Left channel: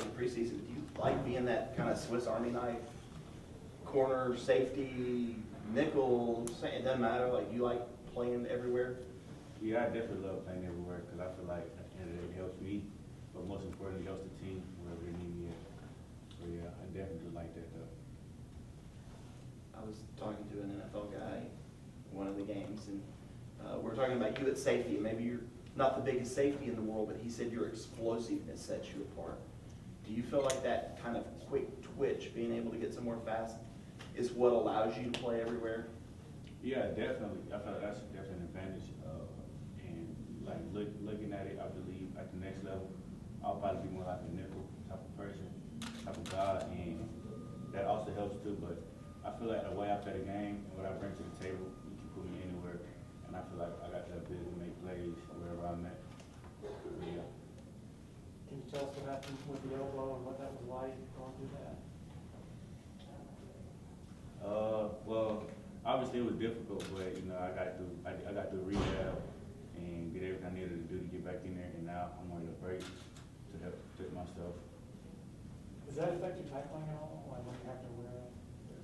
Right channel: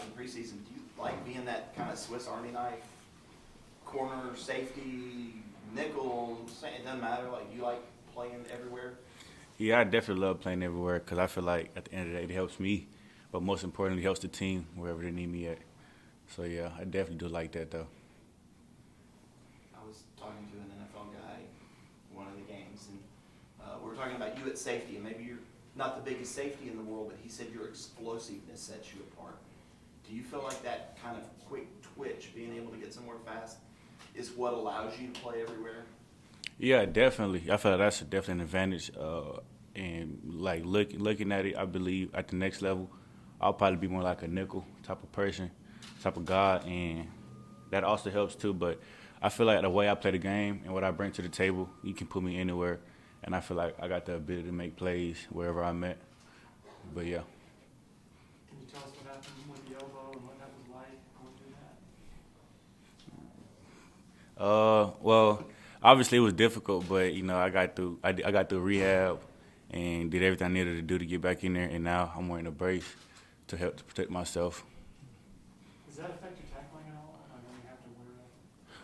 it in preseason. Do you like being that kind of Swiss Army knife, corner, safety, nickel? It doesn't matter. Like, you like playing everywhere? Yeah, I definitely love playing everywhere because I feel like at the end of the day it helps me, but most importantly it helps the team wherever they need me at. So yeah, I definitely do like that though. I was talking to an NFL guy one of the games, and we're talking about you at safety. And maybe you're not the biggest safety in the world, but he said your explosiveness sets you apart. Do you feel like that kind of quick twitch, being able to get somewhere fast, is what allows you to play everywhere? Yeah, definitely. I feel like that's definitely an advantage. And like looking at it, I believe at the next level, I'll probably be more like a nickel type of person, type of guy, and that also helps too. But I feel like the way I play the game and what I bring to the table, you can put me anywhere, and I feel like I got the ability to make plays wherever I'm at. But yeah. Can you tell us what happened with the elbow and what that was like going through that? Well, obviously it was difficult, but you know I got through rehab and did everything I needed to do to get back in there, and now I'm wearing a brace to help to protect myself. Does that affect your tackling at all? When you have to wear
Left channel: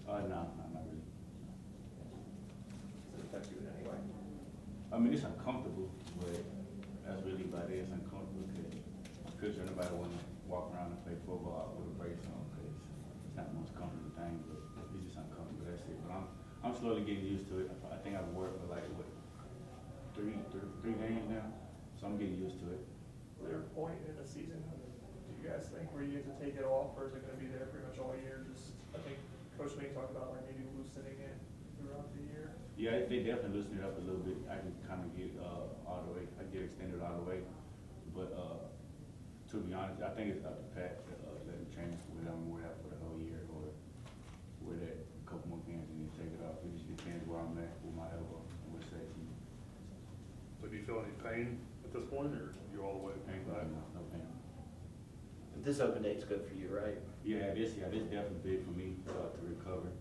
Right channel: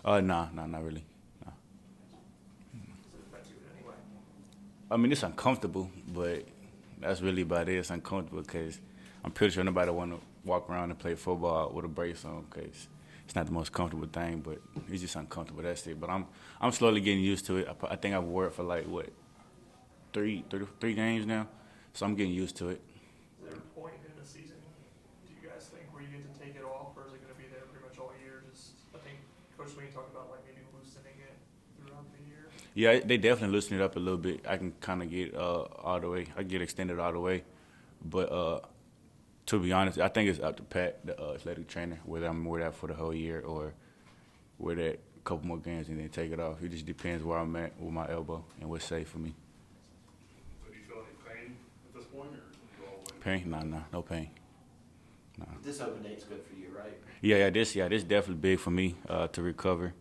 that? Nah, not really. Nah. Does it affect you in any way? I mean, it's uncomfortable, but that's really about it. It's uncomfortable because I'm pretty sure nobody want to walk around and play football with a brace on because it's not the most comfortable thing, but it's just uncomfortable. That's it. But I'm slowly getting used to it. I think I've worked for like three games now, so I'm getting used to it. Is there a point in the season, do you guys think, where you get to take it off, or is it going to be there pretty much all year? I think Coach Sweeney talked about like maybe loosening it throughout the year. Yeah, they definitely loosen it up a little bit. I can kind of get all the way. I get extended all the way, but to be honest, I think it's up to Pat, the athletic trainer, whether I'm gonna wear that for the whole year or wear that a couple more games and then take it off. It just depends where I'm at with my elbow and what's safe for me. So do you feel any pain at this point, or are you all the way? Pain? No pain. No. This open date's good for you, right? Yeah, this definitely big for me to recover,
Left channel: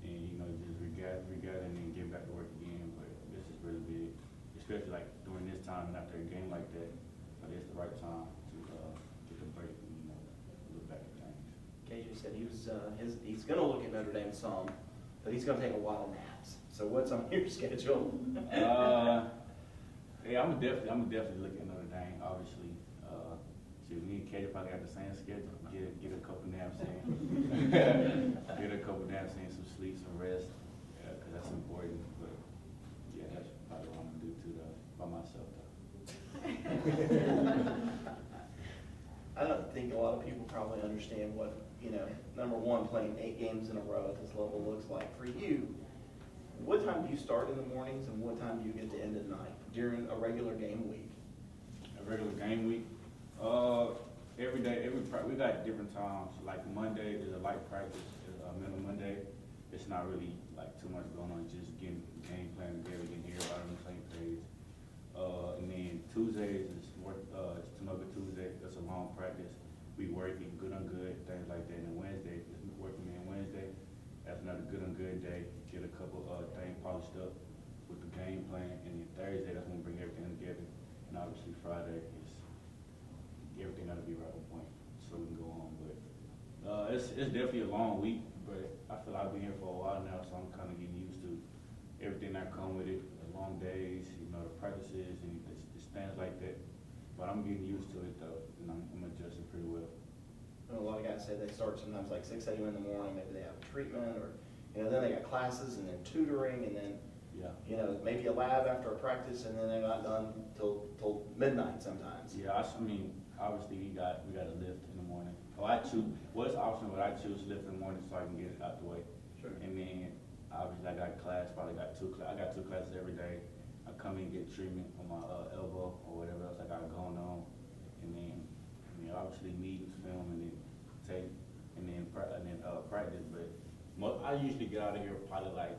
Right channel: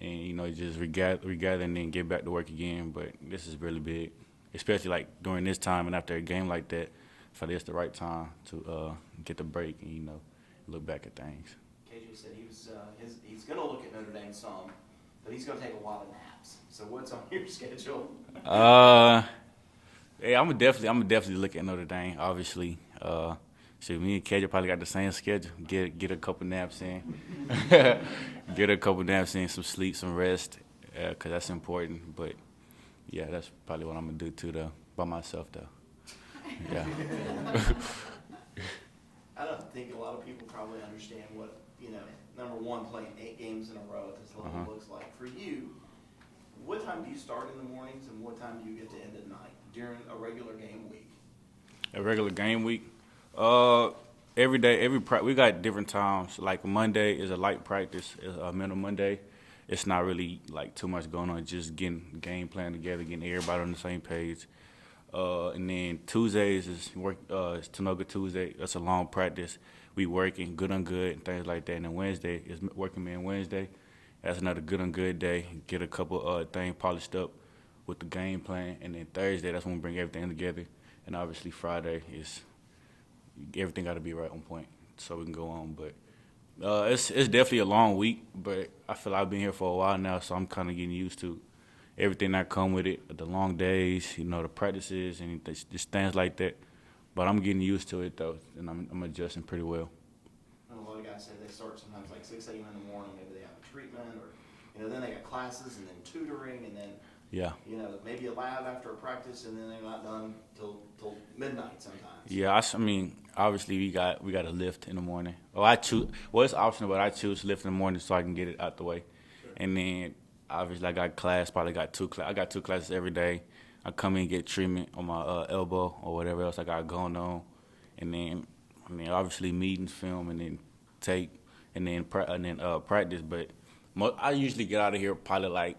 and you know just regather and then get back to work again. But this is really big, especially like during this time and after a game like that. I feel like it's the right time to get the break and you know look back at things. KJ said he's going to look at Notre Dame some, but he's going to take a lot of naps. So what's on your schedule? Yeah, I'm definitely look at Notre Dame. Obviously, me and KJ probably got the same schedule. Get a couple naps in, get a couple naps in, some sleep, some rest, because that's important. But yeah, that's probably what I'm gonna do too, though, by myself though. Yeah. I don't think a lot of people probably understand what, number one, playing 8 games in a row at this level looks like. For you, what time do you start in the mornings and what time do you get to end at night during a regular game week? A regular game week? Every day, we got different times. Like Monday is a light practice, a mental Monday. It's not really like too much going on, just getting game plan together, getting everybody on the same page. And then Tuesdays is it's Tanoga Tuesday. That's a long practice. We working good on good, things like that. And then Wednesday is working man Wednesday. That's another good on good day. Get a couple things polished up with the game plan. And then Thursday, that's when we bring everything together. And obviously Friday is everything got to be right on point so we can go on. But it's definitely a long week. But I feel like I've been here for a while now, so I'm kind of getting used to everything that come with it, the long days, the practices and just things like that. But I'm getting used to it, though, and I'm adjusting pretty well. A lot of guys say they start sometimes like 6 a.m. in the morning, maybe they have a treatment, or then they got classes and then tutoring, and then maybe a lab after a practice, and then they're not done till midnight sometimes. Yeah, I mean, obviously we got to lift in the morning. I choose. Well, it's optional, but I choose to lift in the morning so I can get it out the way, and then. Obviously, I got class. Probably got I got 2 classes every day. I come in and get treatment on my elbow or whatever else I got going on, and then obviously meetings, film, and then tape, and then practice. But I usually get out of here probably like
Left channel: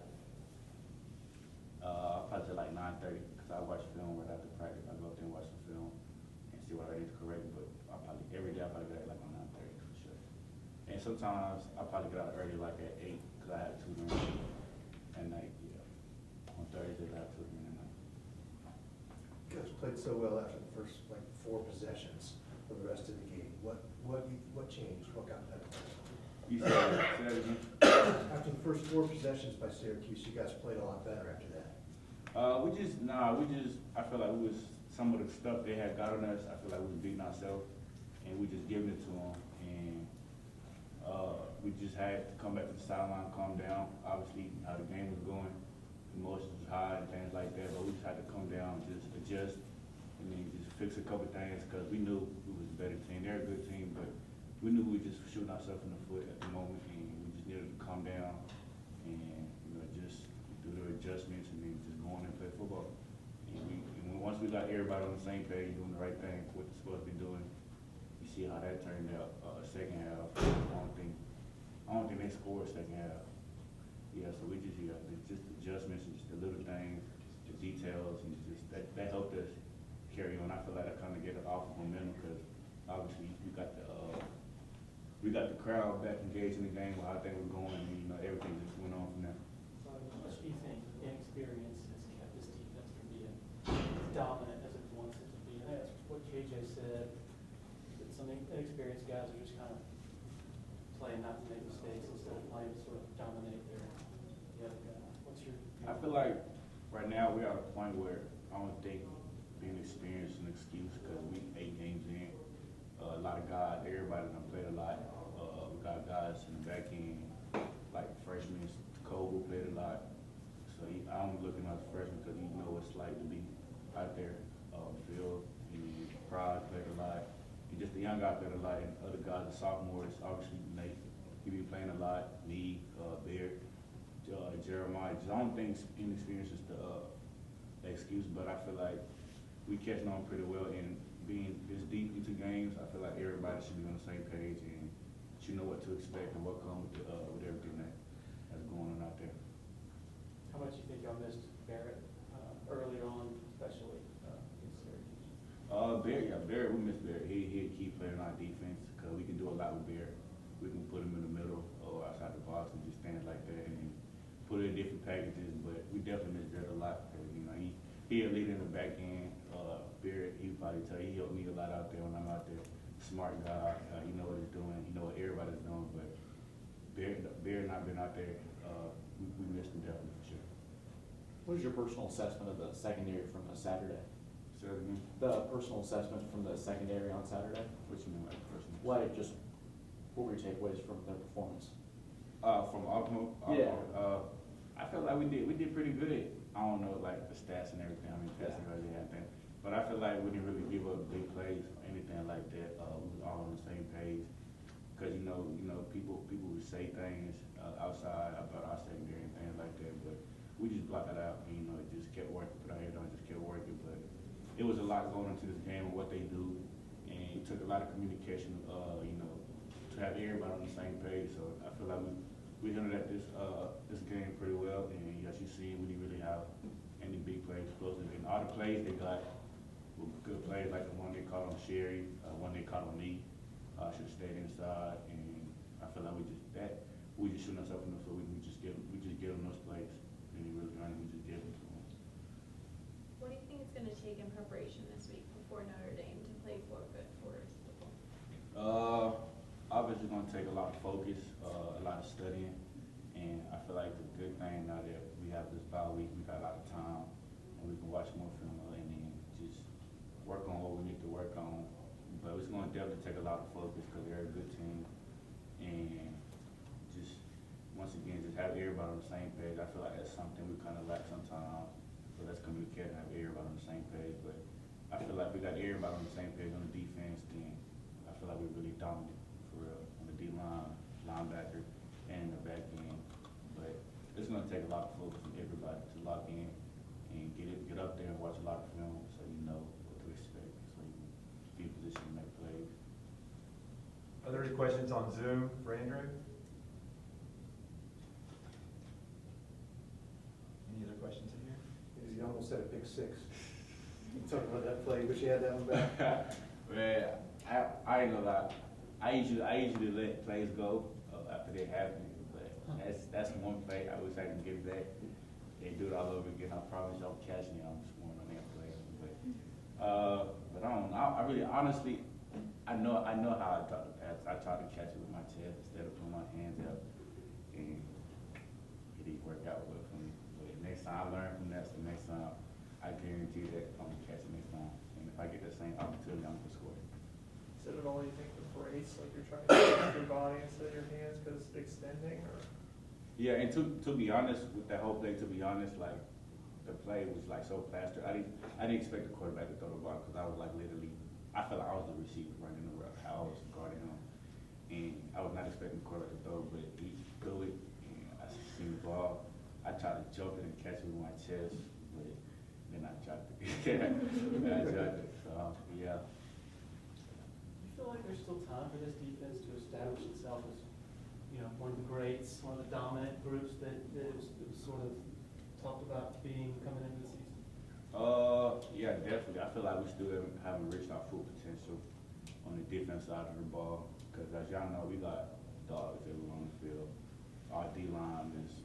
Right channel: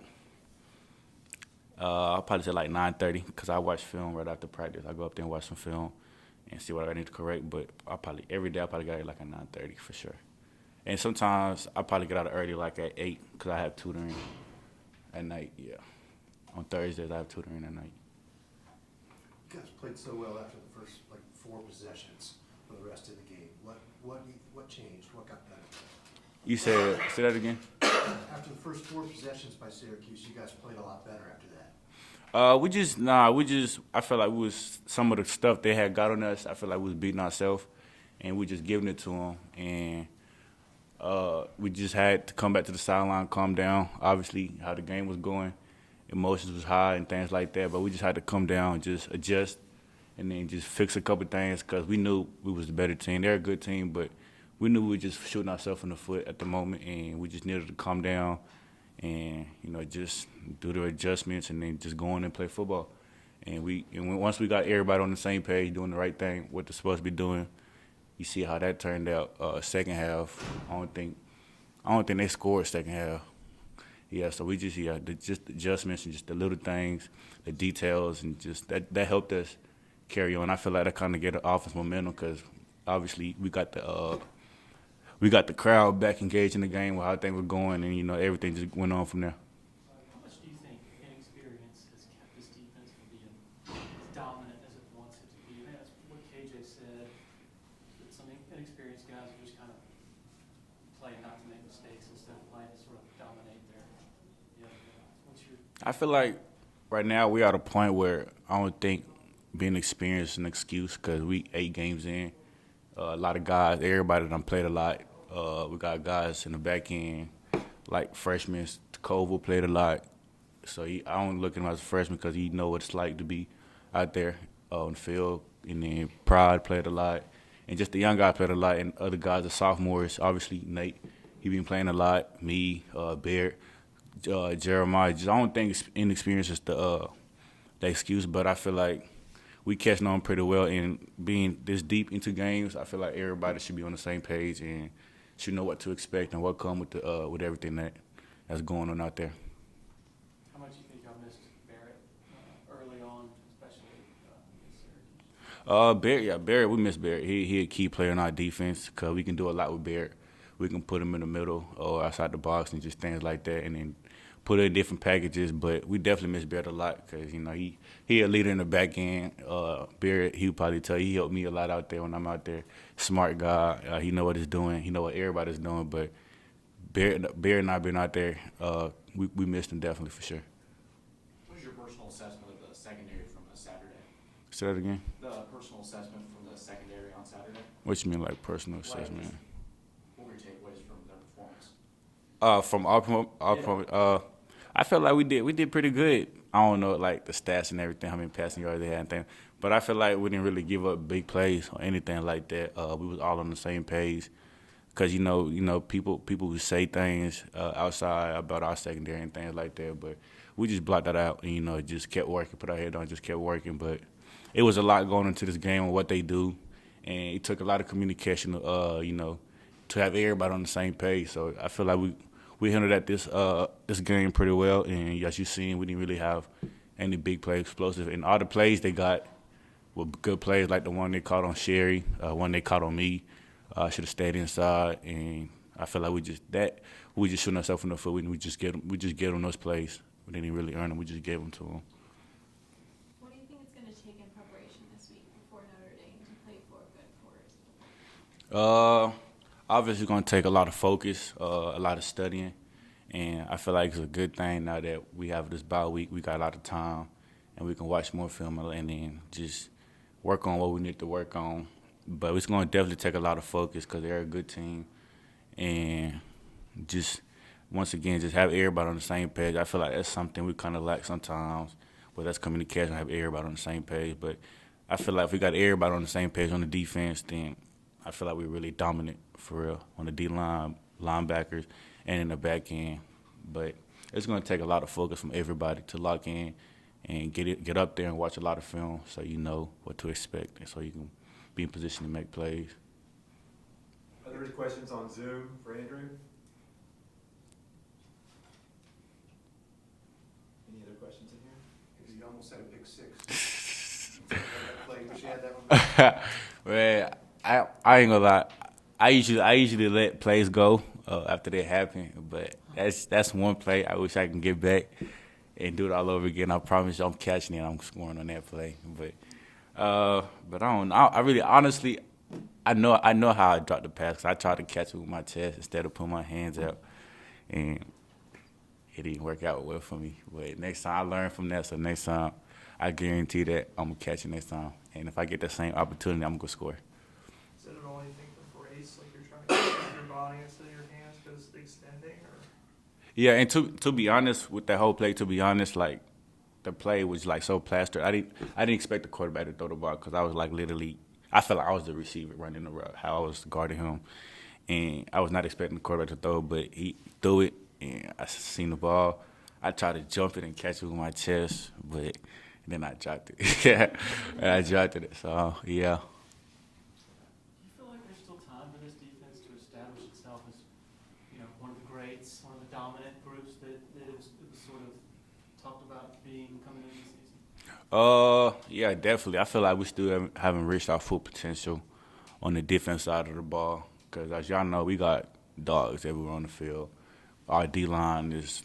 I'll probably say like 9:30 because I watch film right after practice. I go up there and watch some film and see what I need to correct. But every day I probably got here like at 9:30 for sure. And sometimes I probably get out of early like at 8 because I have tutoring. At night, yeah. On Thursdays, I have tutoring at night. You guys played so well after the first 4 possessions for the rest of the game. What what got better? You said, say that again? After the first 4 possessions by Syracuse, you guys played a lot better after that. I felt like we was, some of the stuff they had got on us, I feel like we was beating ourselves, and we just giving it to them. And we just had to come back to the sideline, calm down. Obviously, how the game was going, emotions was high and things like that, but we just had to come down and just adjust and then just fix a couple things because we knew we was the better team. They're a good team, but we knew we were just shooting ourselves in the foot at the moment, and we just needed to calm down and, just do the adjustments and then just go on and play football. And once we got everybody on the same page, doing the right thing, what they're supposed to be doing, you see how that turned out. Second half, I don't think they scored second half. Yeah, so we just just adjustments and just the little things, the details, and just that helped us carry on. I feel like that kind of get the offense momentum because obviously we got the crowd back engaged in the game with how things were going, and everything just went on from there. How much do you think inexperience has kept this defense from being as dominant as it wants it to be? And that's what KJ said, that some inexperienced guys are just kind of playing not to make mistakes instead of playing to sort of dominate the other guy. What's your... I feel like right now we're at a point where I don't think being experienced is an excuse because we 8 games in. A lot of guys, everybody done played a lot. We got guys in the back end, like freshmen. Koval played a lot. So I don't look at him as a freshman because he know what it's like to be out there on the field. And then Pride played a lot. And just the young guys played a lot. And other guys, the sophomores, obviously Nate, he been playing a lot. Me, Barrett, Jeremiah. I don't think inexperience is the excuse, but I feel like we catching on pretty well. And being this deep into games, I feel like everybody should be on the same page and should know what to expect and what come with everything that's going on out there. How much do you think y'all missed Barrett early on, especially against Syracuse? Barrett, we miss Barrett. He a key player in our defense because we can do a lot with Barrett. We can put him in the middle or outside the box and just things like that, and then put it in different packages. But we definitely miss Barrett a lot because he a leader in the back end. Barrett, he would probably tell you, he helped me a lot out there when I'm out there. Smart guy. He know what he's doing. He know what everybody's doing. But Barrett and I been out there. We missed him definitely for sure. What was your personal assessment of the secondary from Saturday? Say that again? The personal assessment from the secondary on Saturday? What you mean, like personal assessment? What were your takeaways from their performance? From our performance, I felt like we did pretty good. I don't know like the stats and everything, how many passing yards they had and things, but I feel like we didn't really give up big plays or anything like that. We was all on the same page, cause people who say things outside about our secondary and things like that, but we just blocked that out and just kept working, put our head down, just kept working. But it was a lot going into this game and what they do, and it took a lot of communication, to have everybody on the same page. So I feel like we handled that this game pretty well, and as you seen, we didn't really have any big play explosive. And all the plays they got were good plays, like the one they caught on Sherry, one they caught on me. Should have stayed inside, and I feel like we just shooting ourselves in the foot. We just get them those plays. We didn't really earn them. We just gave them to them. What do you think it's going to take in preparation this week before Notre Dame to play 4 good quarters? Obviously, it's going to take a lot of focus, a lot of studying, and I feel like it's a good thing now that we have this bye week. We got a lot of time, and we can watch more film and then just work on what we need to work on. But it's going to definitely take a lot of focus because they're a good team, and just once again, just have everybody on the same page. I feel like that's something we kind of lack sometimes, but that's communication, have everybody on the same page. But I feel like if we got everybody on the same page on the defense, then I feel like we're really dominant for real on the D-line, linebackers, and in the back end. But it's going to take a lot of focus from everybody to lock in and get up there and watch a lot of film so you know what to expect and so you can be in position to make plays. Are there any questions on Zoom for Andrew? Any other questions in here? You almost said a pick 6. That play, wish you had that one. Man, I ain't gonna lie. I usually let plays go after they happen, but that's one play I wish I can get back and do it all over again. I promise you I'm catching it. I'm scoring on that play. But I don't know. I really honestly I know how I drop the pass. 'Cause I tried to catch it with my chest instead of putting my hands out, and it didn't work out well for me. But next time I learned from that, so next time I guarantee that I'm gonna catch it next time. And if I get the same opportunity, I'm gonna score. Is it an only thing for brace, like you're trying to use your body instead of your hands because extending, or? Yeah, and to be honest with that whole play, to be honest, like the play was like so plastered. I didn't expect the quarterback to throw the ball because I was like literally, I felt like I was the receiver running the route, how I was guarding him, and I was not expecting the quarterback to throw, but he threw it, and I seen the ball. I tried to jump it and catch it with my chest, but then I dropped it. And I dropped it. So yeah. Do you feel like there's still time for this defense to establish itself as, you know, one of the greats, one of the dominant groups that it was sort of talked about being coming into the season? Yeah, definitely. I feel like we still haven't reached our full potential on the defense side of the ball. Because as y'all know, we got dogs everywhere on the field. Our D-line is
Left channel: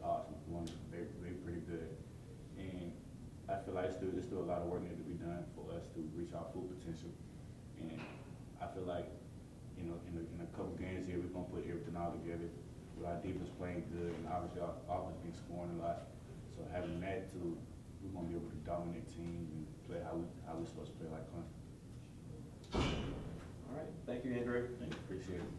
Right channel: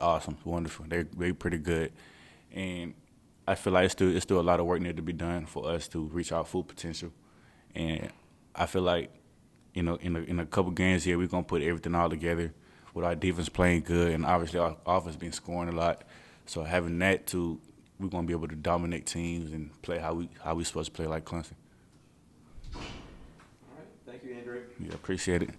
awesome, it's wonderful. They're pretty good. And I feel like it's still a lot of work needed to be done for us to reach our full potential. And I feel like, you know, in a couple games here, we're gonna put everything all together with our defense playing good and obviously our offense been scoring a lot. So having that too, we're gonna be able to dominate teams and play how we supposed to play like Clemson. All right, thank you, Andrew. Yeah, appreciate it.